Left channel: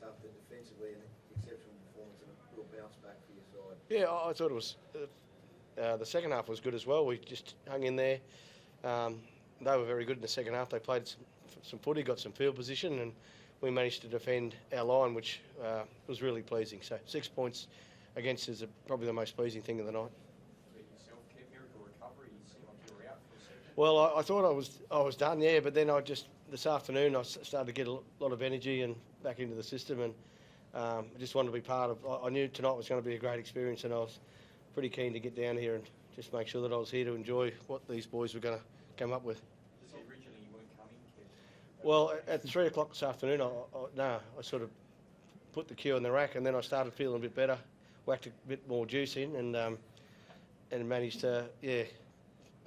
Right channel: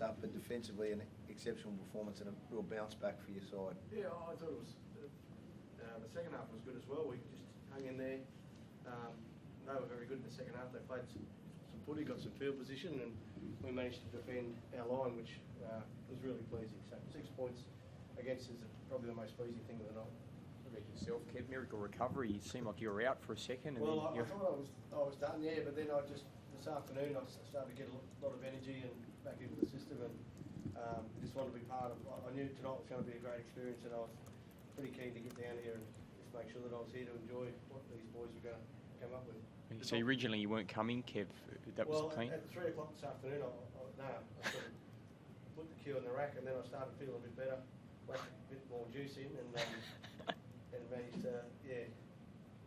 half, but defensively an exceptional performance and a real bounce back for your side. Yeah, I thought it was the second half was good as well. We just hung in there. They were very good in the second half. They played some footy, got some field position, and we managed to defend our line, which was really pleasing. So 6 points against is probably the most pleasing thing of the night. What about yourself, Kev? Miracle recovery. You seemed like you were out for a second. Well, I thought I was done, yeah, but then this afternoon I started to get a lot of energy and back into the system, and I just wanted to be part of. I knew tonight was going to be a great experience, and I was pretty keen to get down here and just make sure that I was here to enjoy what these boys were going to come up with. So originally you weren't coming, Kev? Well, at 3 o'clock this afternoon, I sort of put the cue in the rack, and then I started feeling a bit better, whacked a bit more juice in, and managed to,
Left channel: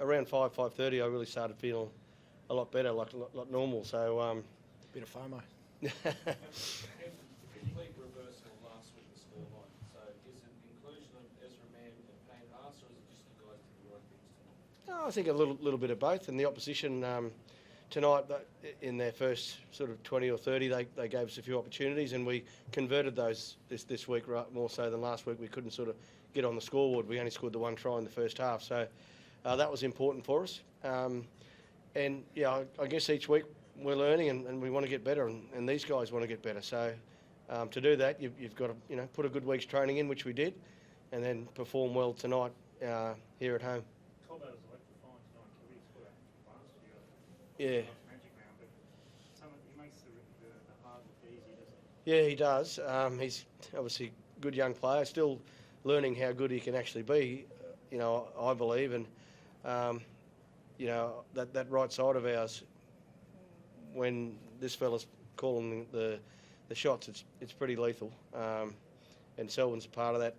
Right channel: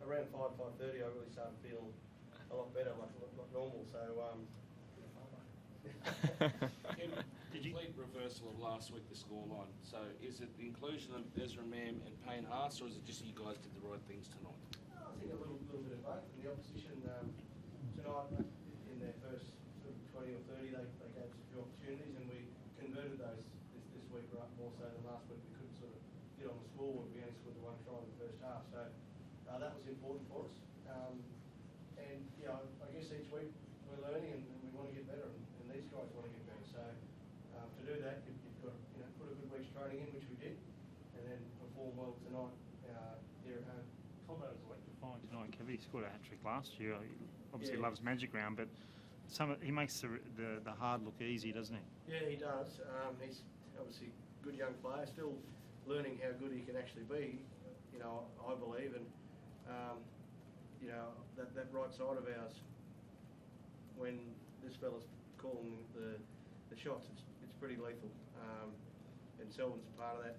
around 5:30 I really started feeling a lot better, like normal. So bit of FOMO. Complete reversal of last week, the scoreline. So is it the inclusion of Ezra Mam and Payne Haas, or is it just you guys did the right things tonight? I think a little bit of both, and the opposition tonight in their first sort of 20 or 30 they gave us a few opportunities, and we converted those this week more so than last week. We couldn't sort of get on the scoreboard. We only scored the one try in the first half, so that was important for us. And yeah, I guess each week we're learning, and we want to get better, and these guys want to get better. So to do that, you've got to put a good week's training in, which we did, and then perform well tonight here at home. Cobbo was electrifying tonight. Kevin scored a hat-trick last year. He obviously loves Magic Round, but he makes the hard look easy, doesn't he? Yeah, he does. He's obviously a good young player, still learning how good he can actually be, I believe. And, that right side of ours, when this fella's calling the shots, it's pretty lethal. And Selwyn's a part of that,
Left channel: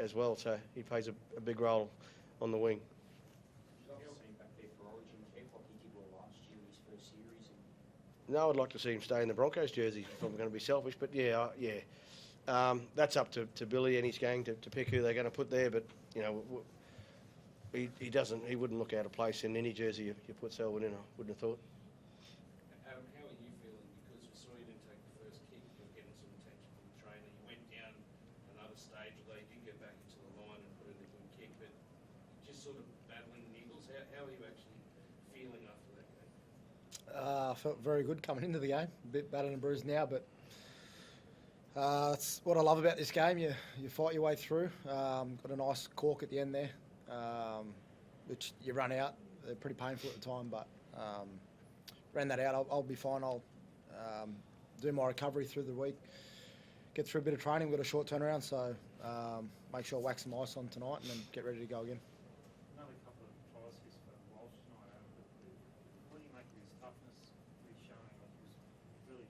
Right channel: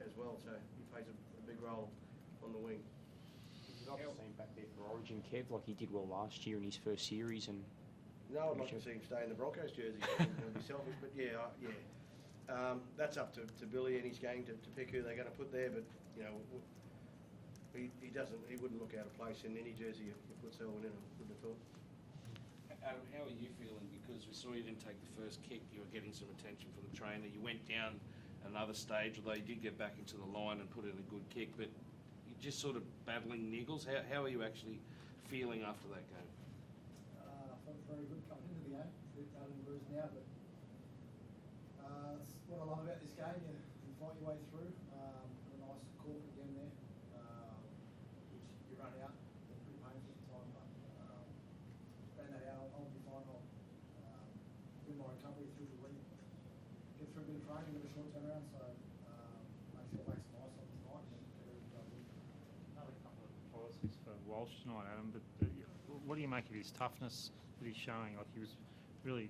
as well. So he plays a big role on the wing. You'd like to see him back there for Origin, Kev, like he did well last year in his first series. And no, I'd like to see him stay in the Broncos jersey. If I'm going to be selfish, but yeah. That's up to Billy and his gang to pick who they're going to put there. But he doesn't. He wouldn't look out of place in any jersey you put Selwyn in. I wouldn't have thought. How are you feeling? Because we saw you didn't take the first kick. You were getting some attention from the trainer. You went down another stage, although you did get back into the line and put in a good kick. But you're just sort of battling niggles. How are you actually feeling after that game? I felt very good coming into the game. A bit battered and bruised now, but that's what I love about this game. You fight your way through. Got a nice cork at the end there, which you run out. They're pretty painful at the time, but ran that out. I'll be fine. I'll do my recovery through the week, get through a bit of training. We've got a short turnaround, so make sure I whack some ice on tonight and then get ready to go again. Another couple of policies for Walsh tonight, Adam, but what do you make of his toughness that he's showing? Like, he was really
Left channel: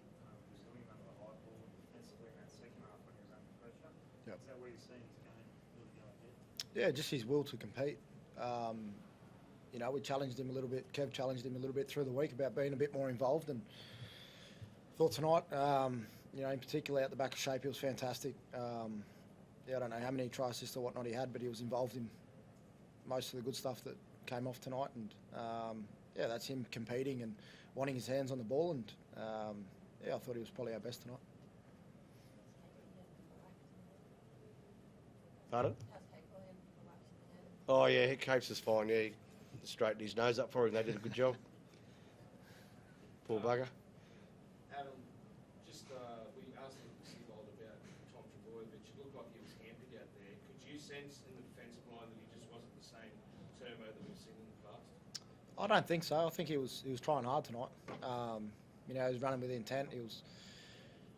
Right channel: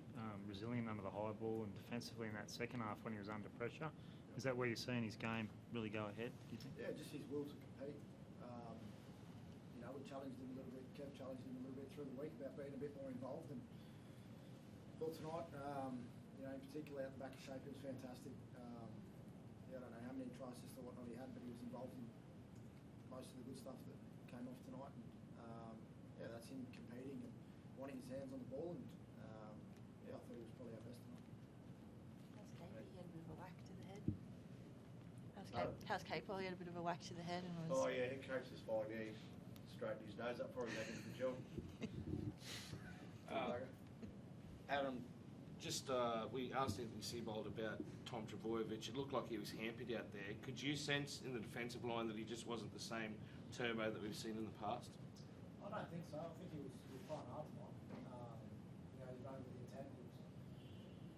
resilient under the high ball and defensively in that second half when he was under pressure. Yep. Is that where you're seeing his game really go ahead? Yeah, just his will to compete. We challenged him a little bit. Kev challenged him a little bit through the week about being a bit more involved, and thought tonight, in particular at the back of shape, he was fantastic. I don't know how many try assists or whatnot he had, but he was involved in most of the good stuff that came off tonight, and that's him competing and wanting his hands on the ball, and I thought he was probably our best tonight. How's Capewell? He had a bit of a whack to the head. Oh yeah, Capes is fine. Yeah, he straightened his nose up for him. They did a good job. Poor bugger. Adam, just we asked Anthony Seibold about Tom Trbojevic. It looked like he was hampered out there. Could you sense in the defensive line that he just wasn't the same Turbo that we've seen in the past? I don't think so. I think he was trying hard tonight. He was running with intent. He was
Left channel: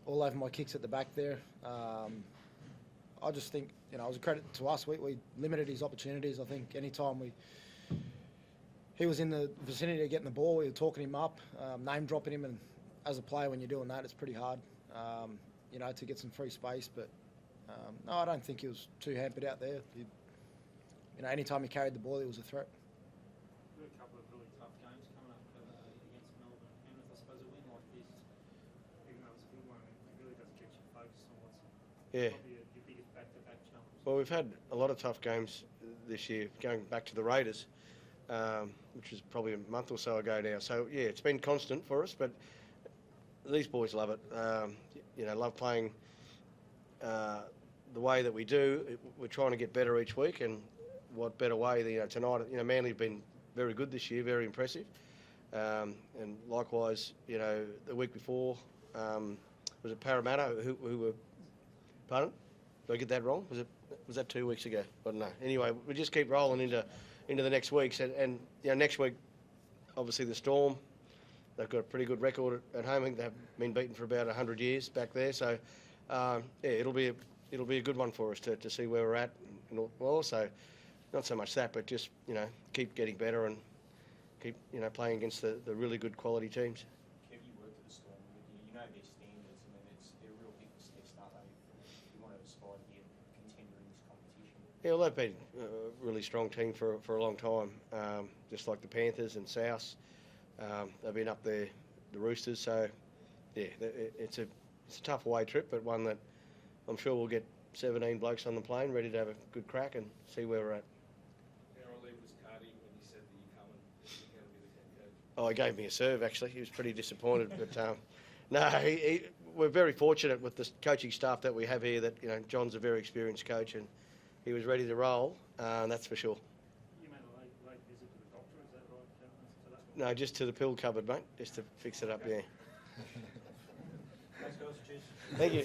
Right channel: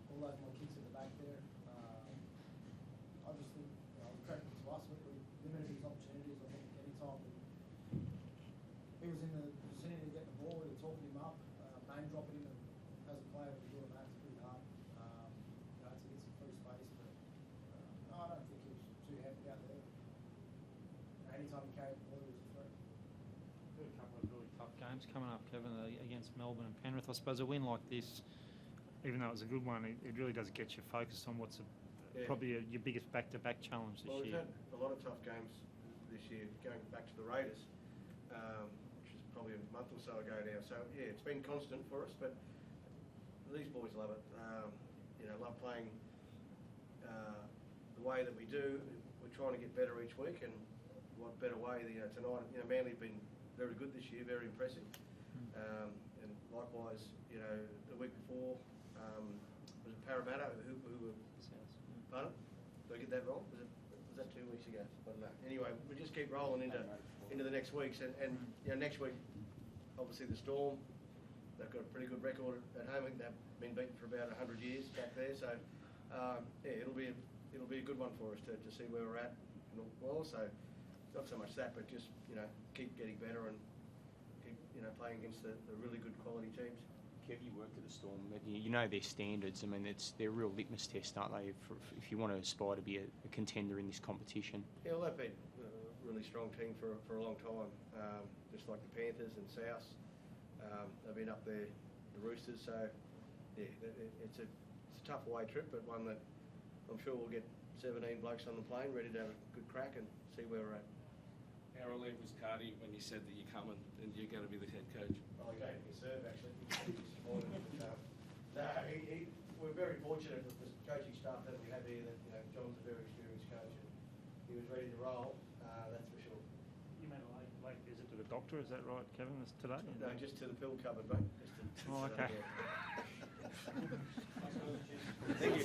all over my kicks at the back there. I just think, it was a credit to us. We limited his opportunities. I think any time he was in the vicinity of getting the ball, we were talking him up, name dropping him, and as a player, when you're doing that, it's pretty hard, to get some free space. But no, I don't think he was too hampered out there. Any time he carried the ball, he was a threat. A couple of really tough games coming up, Kevin, against Melbourne and Penrith. I suppose a win like this, even though it was a good one, it really does get you focused on what's probably your biggest back-to-back challenge. Well, we've had a lot of tough games this year, going back to the Raiders, which was probably a month or so ago now. So, yeah, it's been constant for us, but these boys love it. love playing the way that we do. We're trying to get better each week, and what better way than tonight? Manly have been very good this year, very impressive, and likewise, the week before was it Parramatta who were. Pardon? Did I get that wrong? Was that 2 weeks ago? I don't know. Anyway, we just keep rolling into the next weeks, and next week, obviously the Storm. They've got a pretty good record at home. I think they've been beaten for about 100 years back there. So, it'll be a good one for us to see where we're at. And also, not so much that, but just keep getting better and keep playing against the really good quality teams. Kev, you worked at the Storm. You know their standards. I mean, they're a real litmus test, aren't they? If you want to aspire to be a contender in this competition. Yeah, well, they've been a really strong team for a long time, just like the Panthers and South. They've been up there, the Roosters. So, yeah, it's a tough away trip, but one that I'm sure we'll get 17 blokes on the plane ready to have a good crack and see where we're at. How relieved was Cardi when you said that you're coming? Is you going to be the head coach? Oh, he gave me a serve, actually. He was pretty disappointed. But, no, we're very fortunate with the coaching staff that we have here that, John's a very experienced coach and he was ready to roll, that's for sure. You made a late visit to the doctor, is that right, Kevin, today? No, just to the pill cupboard, mate, just to fix it up, okay. yeah. Thank you.